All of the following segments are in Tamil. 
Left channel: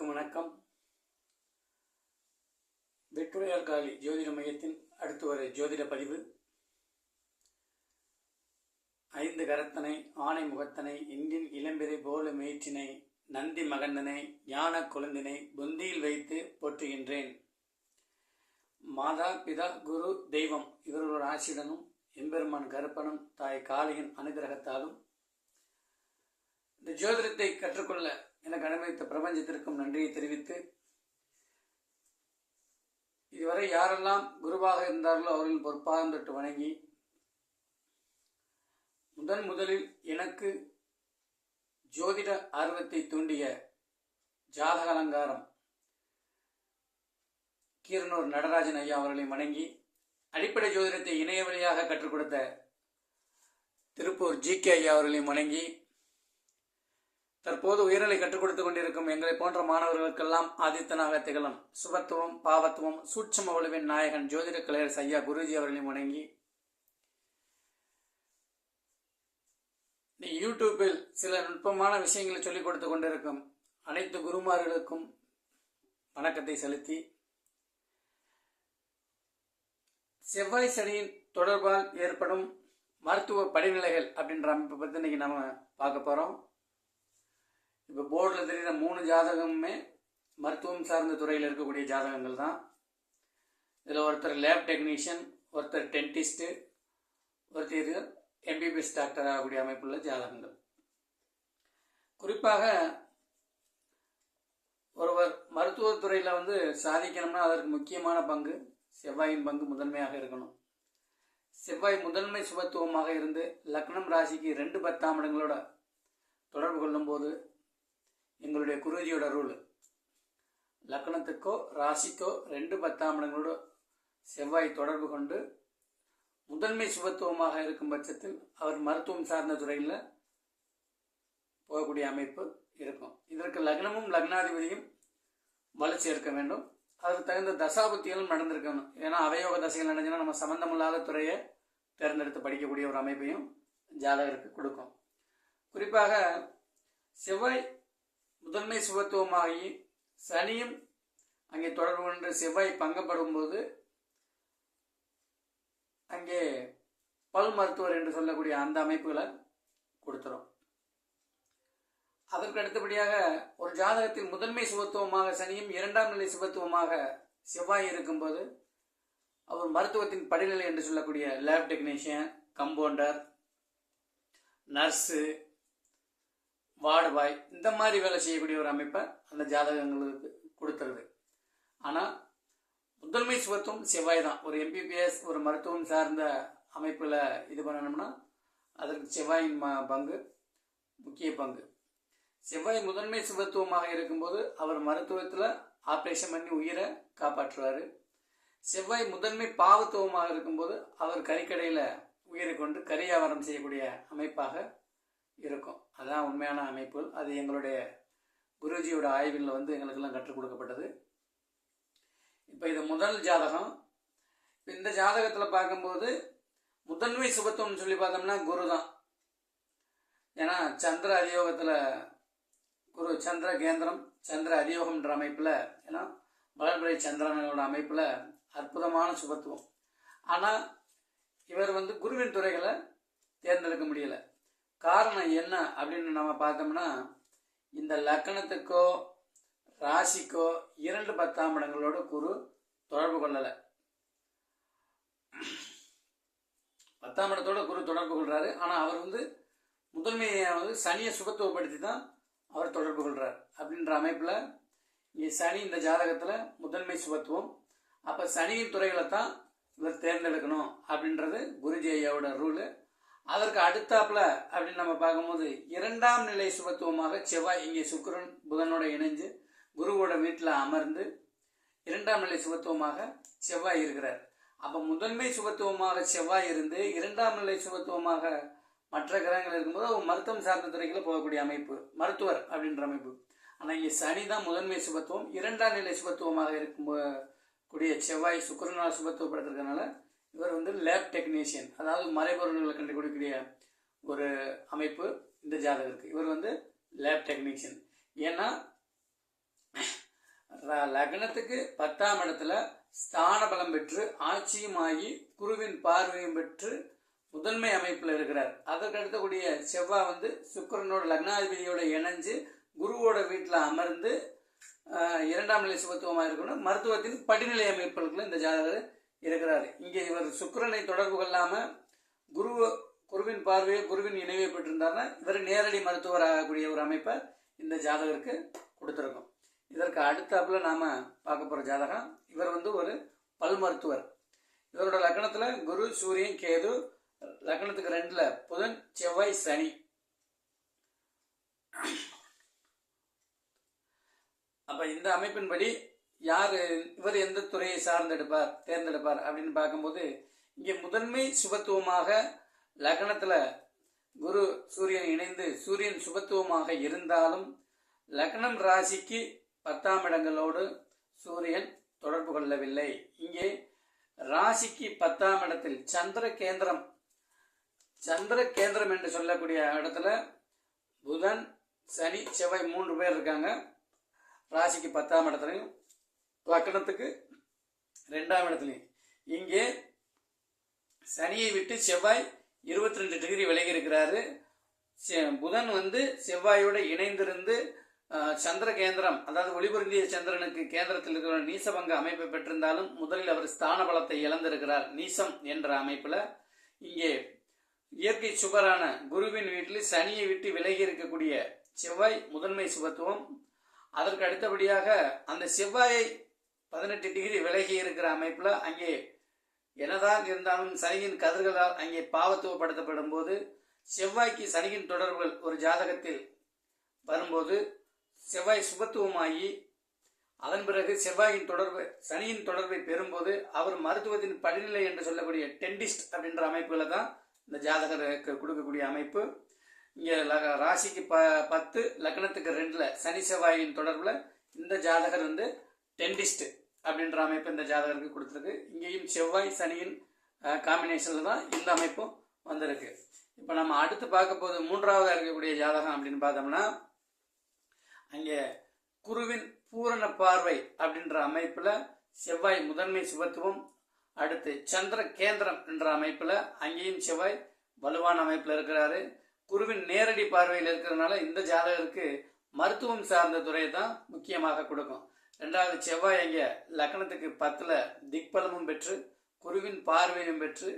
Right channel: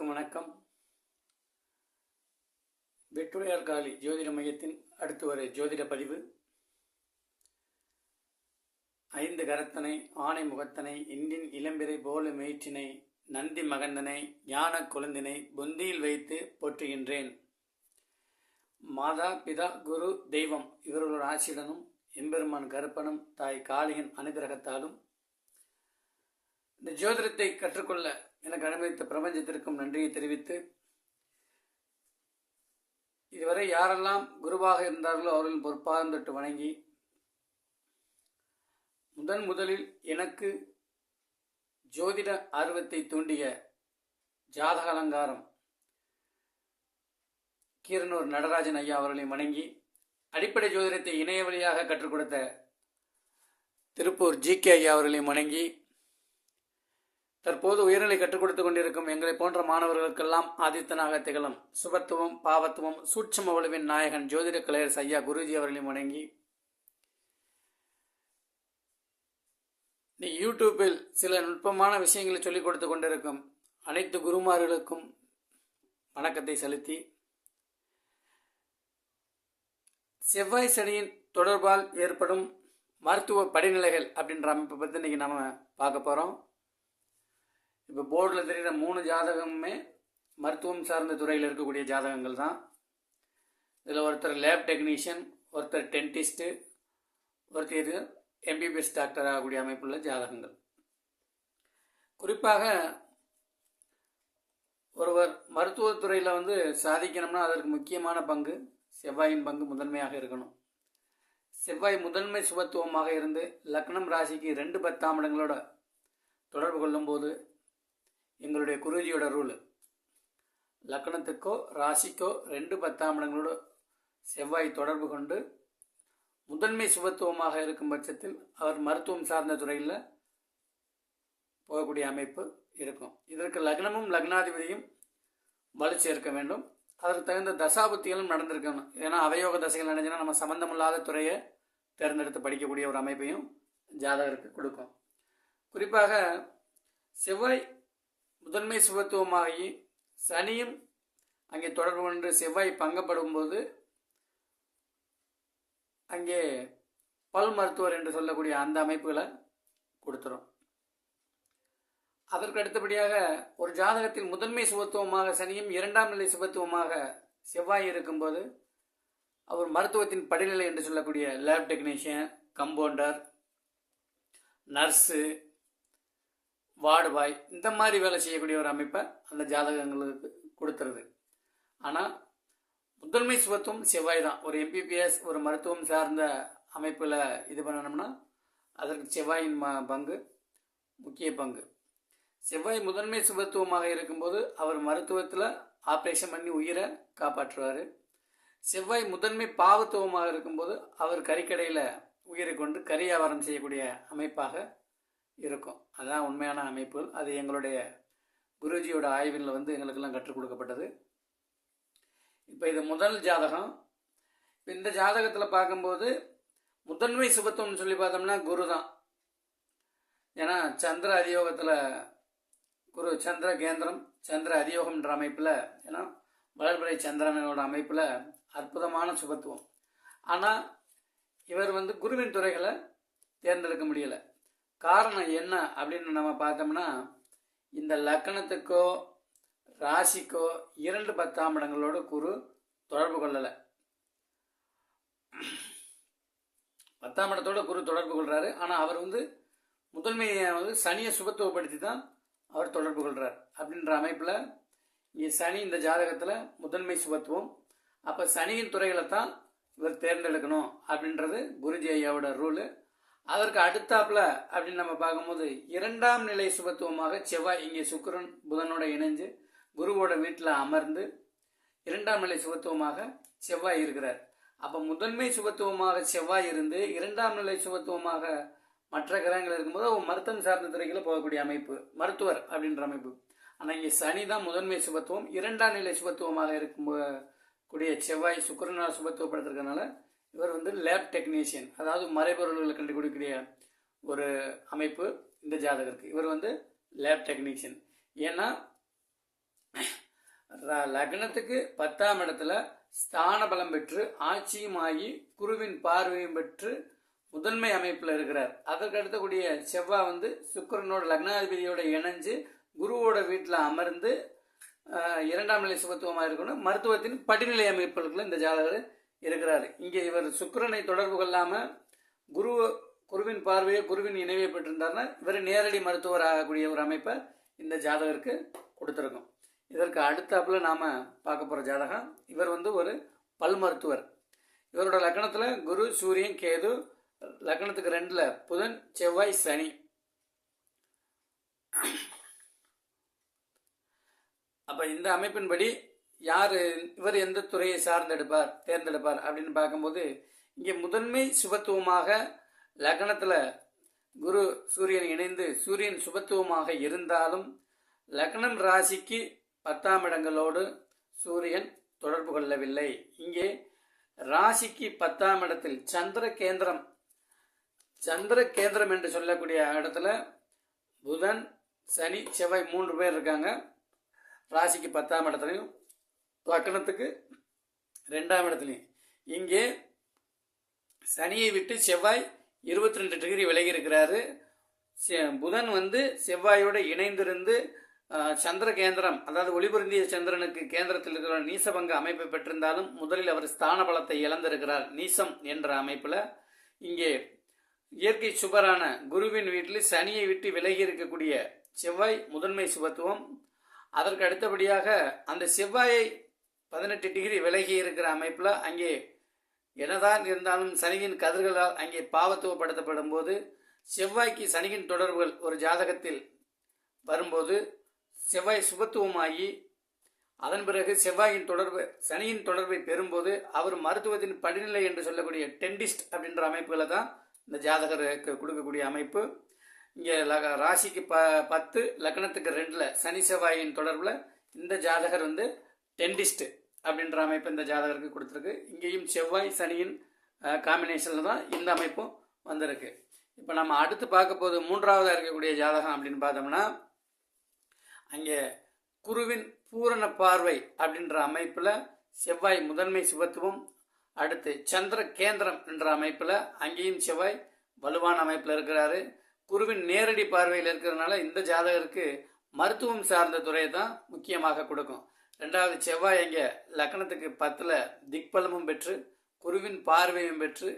அனைவருக்கும் வணக்கம். வெற்றுடையார் காலி ஜோதிட மையத்தின் அடுத்து வர ஜோதிட பதிவு. ஐந்து கரத்தனை ஆணை முகத்தனை இன்றின் இளம்பிறை போல மேய்ச்சினை நந்தி மகந்தனை ஞான குழந்தினை பொந்தியில் வைத்து போற்றுகின்றேன். மாதா பிதா குரு தெய்வம் இவர்களோட ஆசிரியனும் எம்பெருமான் கருப்பனும் தாய் காளியின் அனுகிரகத்தாலும் இந்த ஜோதிடத்தை கற்றுக்கொள்ள எனக்கு அனுமதித்த பிரபஞ்சத்திற்கும் நன்றியை தெரிவித்து இதுவரை யாரெல்லாம் குருவாக இருந்தார்களோ அவர்களின் பொற்பாதம் தொட்டு வணங்கி முதன் முதலில் எனக்கு ஜோதிட ஆர்வத்தை தூண்டிய ஜாதக அலங்காரம் கீரனூர் நடராஜன் ஐயா அவர்களை வணங்கி அடிப்படை ஜோதிடத்தை இணைய வழியாக கற்றுக் கொடுத்த திருப்பூர் ஜி கே ஐயா அவர்களை வணங்கி தற்போது உயர்நிலை கற்றுக் கொடுத்துக் கொண்டிருக்கும் எங்களை போன்ற மாணவர்களுக்கெல்லாம் ஆதித்தனாக திகழும் சுபத்துவம் பாவத்துவம் சூட்சம வலுவின் நாயகன் ஜோதிட கலையர் ஐயா குருஜி அவர்களையும் வணங்கி நீ யூடியூப்பில் சில நுட்பமான விஷயங்களை சொல்லிக் கொடுத்து கொண்டிருக்கும் அனைத்து குருமார்களுக்கும் வணக்கத்தை செலுத்தி செவ்வாய் சனியின் தொடர்பால் ஏற்படும் மருத்துவ படிநிலைகள் அப்படின்ற அமைப்பை பற்றி இன்னைக்கு நம்ம பார்க்க போகிறோம் இப்போ போர்டில் தெரிகிற மூணு ஜாதகமுமே மருத்துவம் சார்ந்த துறையில் இருக்கக்கூடிய ஜாதகங்கள் தான். இதில் ஒருத்தர் லேப் டெக்னீஷியன் ஒருத்தர் டென்டிஸ்ட்டு ஒருத்தர் எம்பிபிஎஸ் டாக்டர் ஆகக்கூடிய அமைப்புள்ள ஜாதகங்கள். குறிப்பாக ஒருவர் மருத்துவத்துறையில் வந்து சாதிக்கணும்னா அதற்கு முக்கியமான பங்கு செவ்வாயின் பங்கு முதன்மையாக இருக்கணும். செவ்வாய் முதன்மை சுபத்துவமாக இருந்து லக்னம் ராசிக்கு ரெண்டு பத்தாம் இடங்களோட தொடர்பு கொள்ளும்போது எங்களுடைய குருஜியோட ரூல் லக்னத்துக்கோ ராசிக்கோ ரெண்டு பத்தாம் இடங்களோட செவ்வாய் தொடர்பு கொண்டு முதன்மை சுபத்துவமாக இருக்கும் பட்சத்தில் அவர் மருத்துவம் சார்ந்த துறையில் போகக்கூடிய அமைப்பு இருக்கும். இதற்கு லக்னமும் லக்னாதிபதியும் வலு சேர்க்க வேண்டும். அதற்கு தகுந்த தசாபுத்திகளும் நடந்திருக்கணும். ஏன்னா அவயோக தசைகள் நடந்துச்சுன்னா நம்ம சம்பந்தமில்லாத துறையை தேர்ந்தெடுத்து படிக்கக்கூடிய ஒரு அமைப்பையும் ஜாதகருக்கு கொடுக்கும். குறிப்பாக செவ்வாய் முதன்மை சுபத்துவமாகி சனியும் அங்கே தொடர்பு கொண்டு செவ்வாய் பங்கப்படும் போது அங்கே பல் மருத்துவர் என்று சொல்லக்கூடிய அந்த அமைப்புகளை கொடுத்துரும். அதற்கு அடுத்தபடியாக ஒரு ஜாதகத்தில் முதன்மை சுபத்துவமாக சனியும் இரண்டாம் நிலை சுபத்துவமாக செவ்வாய் இருக்கும்போது அவர் மருத்துவத்தின் படிநிலை என்று சொல்லக்கூடிய லேப் டெக்னீஷியன் கம்பவுண்டர் நர்ஸு வாடுவாய் இந்த மாதிரி வேலை செய்யக்கூடிய ஒரு அமைப்பை அந்த ஜாதகங்களுக்கு கொடுத்துருது ஆனால் முதன்மை சுபத்துவம் செவ்வாய் தான். ஒரு எம்பிபிஎஸ் ஒரு மருத்துவம் சார்ந்த அமைப்பில் இது பண்ணணும்னா அதற்கு செவ்வாயின் பங்கு முக்கிய பங்கு. செவ்வாய் முதன்மை சுபத்துவமாக இருக்கும்போது அவர் மருத்துவத்தில் ஆப்ரேஷன் பண்ணி உயிரை காப்பாற்றுவார். செவ்வாய் முதன்மை பாவத்துவமாக இருக்கும்போது அவர் கறிக்கடையில் உயிரை கொண்டு கறி வியாபாரம் செய்யக்கூடிய அமைப்பாக இருக்கும். அதுதான் உண்மையான அமைப்பு. அது எங்களுடைய குருஜியோட ஆய்வில் வந்து எங்களுக்கெல்லாம் கற்றுக் கொடுக்கப்பட்டது. இப்போ இது முதல் ஜாதகம். இப்போ இந்த ஜாதகத்தில் பார்க்கும்போது முதன்மை சுபத்துவம்னு சொல்லி பார்த்தோம்னா குரு தான் ஏன்னா சந்திர அரியோகத்தில் குரு சந்திர கேந்திரம் சந்திர அரியோகம்ன்ற அமைப்பில் ஏன்னா வளர்பிறை சந்திரனோட அமைப்பில் அற்புதமான சுபத்துவம். ஆனால் இவர் வந்து குருவின் துறைகளை தேர்ந்தெடுக்க முடியலை. காரணம் என்ன அப்படின்னு நம்ம பார்த்தோம்னா இந்த லக்கணத்துக்கோ ராசிக்கோ இரண்டு பத்தாம் இடங்களோட குரு தொடர்பு கொள்ளலை. பத்தாம் இடத்தோட குரு தொடர்பு கொள்றாரு. ஆனால் அவர் வந்து முதன்மையை வந்து சனியை சுகத்துவப்படுத்தி தான் அவர் தொடர்பு கொள்றார் அப்படின்ற அமைப்பில் இங்கே சனி இந்த ஜாதகத்தில் முதன்மை சுபத்துவம் அப்போ சனியின் துறைகளை தான் இவர் தேர்ந்தெடுக்கணும் அப்படின்றது குருஜி ஐயாவோட ரூலு. அதற்கு அடுத்தாப்புல அப்படின்னு நம்ம பார்க்கும்போது இரண்டாம் நிலை சுபத்துவமாக செவ்வாய் இங்கே சுக்கரன் புதனோட இணைஞ்சு குருவோட வீட்டில் அமர்ந்து இரண்டாம் நிலை சுபத்துவமாக செவ்வாய் இருக்கிறார். அப்போ முதன்மை சுபத்துவமாக செவ்வாய் இருந்து இரண்டாம் நிலை சுபத்துவமாக மற்ற கிரகங்கள் இருக்கும்போது அவர் மருத்துவம் சார்ந்த துறைகளை போகக்கூடிய அமைப்பு மருத்துவர் அப்படின்ற அமைப்பு. ஆனால் இங்கே சனி தான் முதன்மை சுபத்துவம் இரண்டாம் நிலை சுபத்துவமாக இருக்கும் கூடிய செவ்வாய் சுக்கரனால் சுபத்துவப்படுத்துறதுனால இவர் வந்து லேப் டெக்னீஷியன் அதாவது மறைபொருள்களை கண்டுபிடிக்கக்கூடிய ஒரு அமைப்பு இந்த ஜாதகருக்கு. இவர் வந்து லேப் டெக்னீஷியன் ஏன்னா லக்னத்துக்கு பத்தாம் இடத்துல ஸ்தான பலம் பெற்று ஆட்சியும் ஆகி குருவின் பார்வையும் பெற்று முதன்மை அமைப்பில் இருக்கிறார். அதற்கு அடுத்தக்கூடிய செவ்வாய் வந்து சுக்கரனோட லக்னாதிபதியோட இணைஞ்சு குருவோட வீட்டில் அமர்ந்து இரண்டாம் நிலை சுபத்துவமாக இருக்கணும். மருத்துவத்தின் படிநிலை அமைப்புகளுக்குள்ள இந்த ஜாதகர் இருக்கிறார். இங்கே இவர் சுக்கரனை தொடர்பு கொள்ளாமல் குரு குருவின் பார்வையை குருவின் இணைவை பெற்றிருந்தாருன்னா இவர் நேரடி மருத்துவர் ஆகக்கூடிய ஒரு அமைப்பை இந்த ஜாதகருக்கு கொடுத்துருக்கோம். இதற்கு அடுத்தாப்புல நாம் பார்க்க போகிற ஜாதகம் இவர் வந்து ஒரு பல் மருத்துவர். இவரோட லக்னத்துல குரு சூரியன் கேது லக்னத்துக்கு ரெண்டில் புதன் செவ்வாய் சனி. அப்போ இந்த அமைப்பின்படி யார் இவர் எந்த துறையை சார்ந்தெடுப்பார் தேர்ந்தெடுப்பார் அப்படின்னு பார்க்கும்போது இங்கே முதன்மை சுபத்துவமாக லக்னத்தில் குரு சூரியன் இணைந்து சூரியன் சுபத்துவமாக இருந்தாலும் லக்னம் ராசிக்கு பத்தாம் இடங்களோடு சூரியன் தொடர்பு கொள்ளவில்லை. இங்கே ராசிக்கு பத்தாம் இடத்தில் சந்திர கேந்திரம் சந்திர கேந்திரம் என்று சொல்லக்கூடிய இடத்துல புதன் சனி செவ்வாய் மூன்று பேர் இருக்காங்க. ராசிக்கு பத்தாம் இடத்துலையும் லக்கணத்துக்கு ரெண்டாம் இடத்துலையும் இங்கே சனியை விட்டு செவ்வாய் இருபத்தி ரெண்டு டிகிரி விலகி இருக்கிறாரு. செ- புதன் வந்து செவ்வாயோட இணைந்திருந்து சந்திர கேந்திரம் அதாவது ஒளிபுரிந்திய சந்திரனுக்கு கேந்திரத்தில் இருக்கிற நீசபங்க அமைப்பை பெற்றிருந்தாலும் முதலில் அவர் ஸ்தான பலத்தை இழந்திருக்கிறார். நீசம் என்ற அமைப்பில். இங்கே இயற்கை சுபரான குருவின் வீட்டில் சனியை விட்டு விலகி இருக்கக்கூடிய செவ்வாய் முதன்மை சுபத்துவம். அதற்கு அடுத்தபடியாக அந்த செவ்வாயை பதினெட்டு டிகிரி விலகி இருக்கிற அமைப்பில் அங்கே என்னதான் இருந்தாலும் சனியின் கதிர்களால் அங்கே பாவத்துவப்படுத்தப்படும் போது செவ்வாய்க்கு சனியின் தொடர்புகள் ஒரு ஜாதகத்தில் வரும்போது செவ்வாய் சுபத்துவமாகி அதன் பிறகு செவ்வாயின் தொடர்பு சனியின் தொடர்பை பெறும்போது அவர் மருத்துவத்தின் படிநிலை என்று சொல்லக்கூடிய டென்டிஸ்ட் அப்படின்ற அமைப்புகளை தான் இந்த ஜாதகருக்கு கொடுக்கக்கூடிய அமைப்பு. இங்கே ராசிக்கு ப பத்து லக்னத்துக்கு ரெண்டில் சனி செவ்வாயின் தொடர்பில் இந்த ஜாதகர் வந்து டென்டிஸ்ட்டு அப்படின்ற அமைப்பு இந்த ஜாதகருக்கு கொடுத்துருக்கு. இங்கேயும் செவ்வாய் சனியின் காம்பினேஷனில் தான் இந்த அமைப்பும் வந்திருக்கு. இப்போ நம்ம அடுத்து பார்க்க போது மூன்றாவதாக இருக்கக்கூடிய ஜாதகம் அப்படின்னு பார்த்தோம்னா அங்கே குருவின் பூரண பார்வை அப்படின்ற அமைப்பில் செவ்வாய் முதன்மை சுபத்துவம் அடுத்து சந்திர கேந்திரம் என்ற அமைப்பில் அங்கேயும் செவ்வாய் வலுவான அமைப்பில் இருக்கிறாரு. குருவின் நேரடி பார்வையில் இருக்கிறதுனால இந்த ஜாதகருக்கு மருத்துவம் சார்ந்த துறையை தான் முக்கியமாக கொடுக்கும். ரெண்டாவது செவ்வாய் அங்கே லக்னத்துக்கு பத்தில் திக்பலமும் பெற்று குருவின் பார்வையும் பெற்று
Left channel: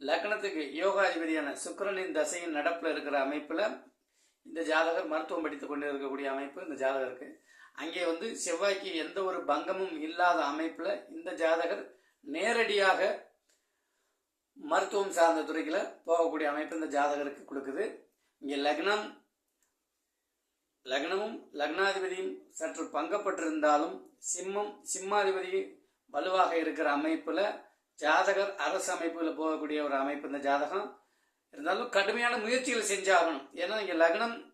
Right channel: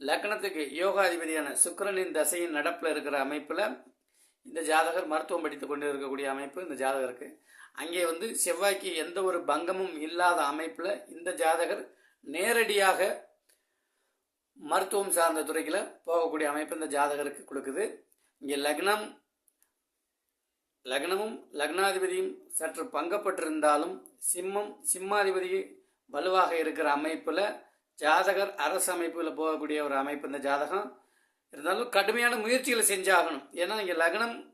லக்னத்துக்கு யோகாதிபதியான சுக்கரனின் தசையின் நடப்பில் இருக்கிற அமைப்பில் இந்த ஜாதகர் மருத்துவம் படித்து கொண்டு இருக்கக்கூடிய அமைப்பு இந்த ஜாதகருக்கு. அங்கே வந்து செவ்வாய்க்கு எந்த ஒரு பங்கமும் இல்லாத அமைப்பில் இந்த ஜாதகர் நேரடியாக மருத்துவம் சார்ந்த துறைகளை போகக்கூடிய அமைப்பு இந்த ஜாதகருக்கு கொடுக்குது. இங்கே லக்னம் லக்னமும் லக்னாதிபதியும் சற்று பங்கப்பட்டிருந்தாலும் சிம்மம் சிம்மாதிபதி வலுவாக இருக்கிற அமைப்பில் ஜாதகர் அரசு அமைப்பில் போகக்கூடிய ஒரு அமைப்பு இந்த ஜாதகம். இருந்தாலும் கடுமையான முயற்சிகளை செஞ்சாகணும். ஏன்னா இங்கே லக்னம்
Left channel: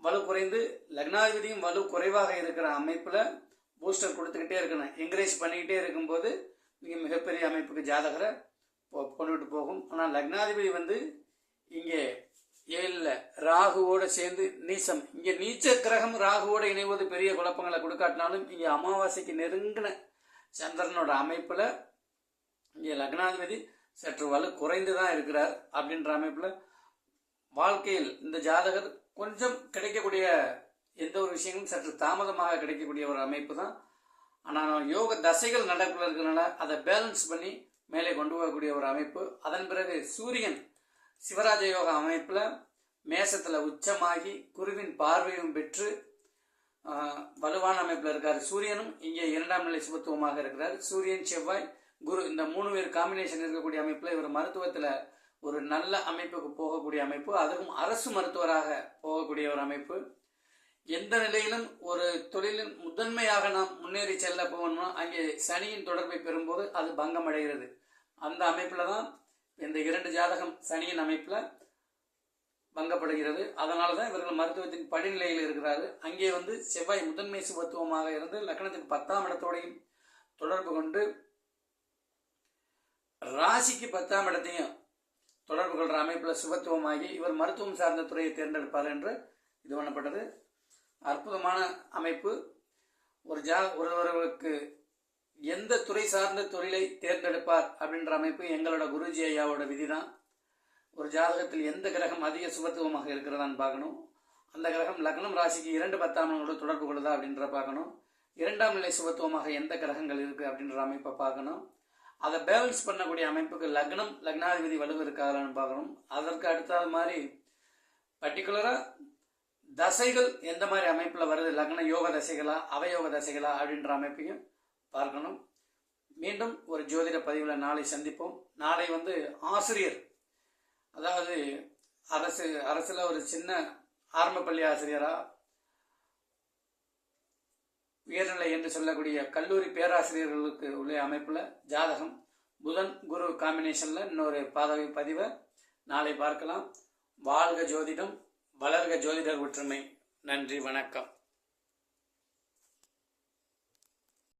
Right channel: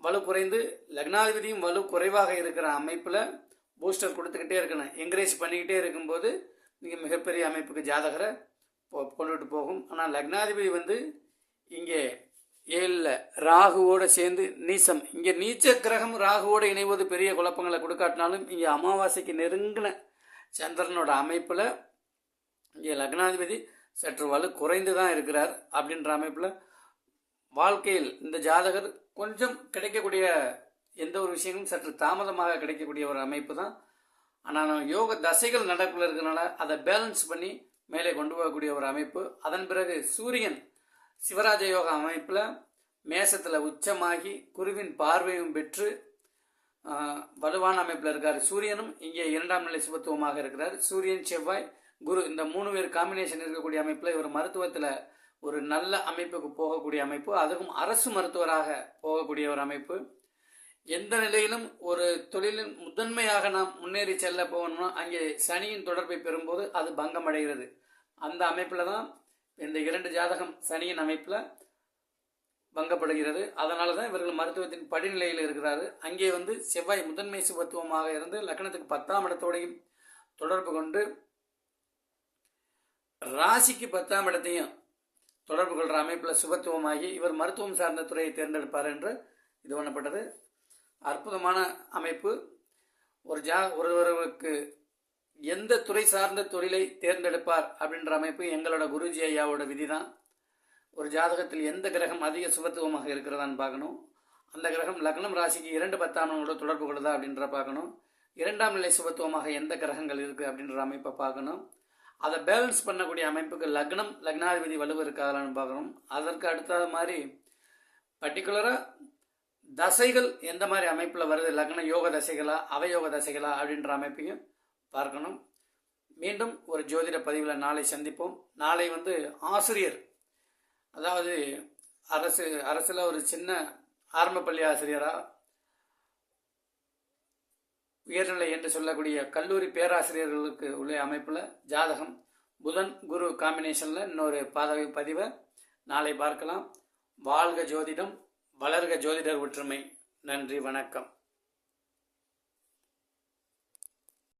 வலு குறைந்து லக்னாதிபதியும் வலு குறைவாக இருக்கிற அமைப்பில் பூஸ்டர் கொடுத்துக்கிட்டே இருக்கணும். என்கரேஜ் பண்ணிக்கிட்டே இருக்கும்போது நீங்கள் மிகப்பெரிய அமைப்புக்கு ஜாதகரை போ- போகும். ஆனால் லக்னாதிபதி வந்து இங்கே ஏழில் ராகுவோட சேர்ந்து நீசம். இங்கே நீச்ச கிரகம் ராகுவோட இணைவது பெரிய குழப்பங்களை கொடுக்காட்டினாலும் இங்கே அமாவாசைக்கு நெருங்கின சந்திரனோட அமைப்பில் இங்கே லக்னாதிபதி சற்று வலு குறைந்து தான் இருக்கிறார் அப்படின்ற அமைப்பில் வாழ்க்கையில் இந்த ஜாதகர் கொஞ்சம் கிடைக்கக்கூடிய எந்த ஒரு விஷயமும் சற்று தாமதமாக கிடைக்கக்கூடிய ஒரு அமைப்பு தான் ஆனால் யோக தசைகள் நடப்பில் இருக்கிறனால அதை பேலன்ஸ் பண்ணி மேலே கொண்டு போகக்கூடிய ஒரு அமைப்பு. அதன் பிறகு சூரியன் சிவராஜ யோகா அமைப்பில் மேசத்தில் உச்சமாகி குருவின் பார்வையும் பெற்று வலுவான அமைப்பில் இருக்கார் சூரியனும். இங்கே இரண்டாம் நிலை சுபத்துவமாக இருக்கிறார். சூரியன் செவ்வாய் குரு இந்த மூணு பேர் காம்பினேஷன் இருக்கக்கூடிய அமைப்பில் இவர் மருத்துவத்தில் ஒரு நல்ல அமைப்புக்கு போகக்கூடிய அமைப்பு. அதுக்கும் அரசு மருத்துவராக போகக்கூடிய ஒரு அமைப்பு. எந்த நிலையிலும் ஒரு தொழிலின் முதன்மையாக நாம் முன்னேறி செல்ல போகணும்னா அங்கே சனியின் தொடர்பை பெறும்போது அது பங்கமடைகிறது. அந்த அமைப்பில் தான் இந்த இரண்டு ஜாதகம் சனியின் அமைப்பில் பங்கப்படுகிறது. அதனால தான் இவர்கள் மருத்துவத்தின் படிநிலையில் இருக்கிறார்கள். அங்கே வந்து செவ்வாய் முதன்மை சுபத்துவமாக இருந்து லக்னத்துக்கு பத்தாம் இடத்தோடையும் தொடர்பு கொண்டு ராசிக்கு பத்தாம் இடத்தையும் தொடர்பு கொள்கிற அமைப்பில் சுபத்துவமாகி இவர் மருத்துவம் சார்ந்த துறையை தேர்ந்தெடுப்பார் என்று இது பண்ணப்பட்டது அற்புதமான அமைப்பு. ஒரு ஜா ஒருவருக்கு எந்த துறை சார்ந்த தொழிலை தேர்ந்தெடுப்பார் அப்படின்ற அமைப்பு எங்களோட குருஜி ஐயாவோட விதி தான் ஒரு ஜாதகத்தில் எந்த கிரகம் அதிக சுபத்துவமாக இருக்கிறதான்னு பார்க்கணும். அந்த கிரகம் லக்னம் ராசிக்கு இரண்டு பத்தாம் எண்ணோட தொடர்பு கொள்ளுதா அப்படின்ற பார்க்கணும். இரண்டாம் நிலை சுபத்துவமாக எந்த கிரகங்கள் இருக்குது அப்படின்ற அமைப்பை பார்க்கணும். அதை பேலன்ஸ் பண்ணக்கூடிய அமைப்புக்கு லக்னம் லக்னாதிபதி வலுவு இருக்காதான்னு பார்க்கணும். அதற்கு அடுத்த மாதிரி பர்டிகுலராக தசைகள் எந்த மாதிரி அமைப்பில் வருது? லக்ன யோக தசைகளா அவயோக தசைகளா அப்படின்ற அமைப்பையும் பார்க்கணும். மீண்டும் ஒரு ஜோதிட பதிவில் நாளை சந்திப்போம். நாளை வந்து ஆசிரியர். அதாவது அரசு அரசில் ஒரு சின்ன ஆரம்ப பள்ளி ஆசிரியராக உயர்நிலை என்று சொல்லக்கூடிய கல்லூரி பேராசிரியர்களுக்கு உள்ள அமைப்பில் ஜாதகம் புதன் குரு காம்பினேஷனில் இன்னொரு பாதவி பதிவை நாளை பார்க்கலாம். வாழ்க ஜோதிடம் வளர்க ஜோதிடர் ஒற்றுமை. நன்றி வணக்கம்.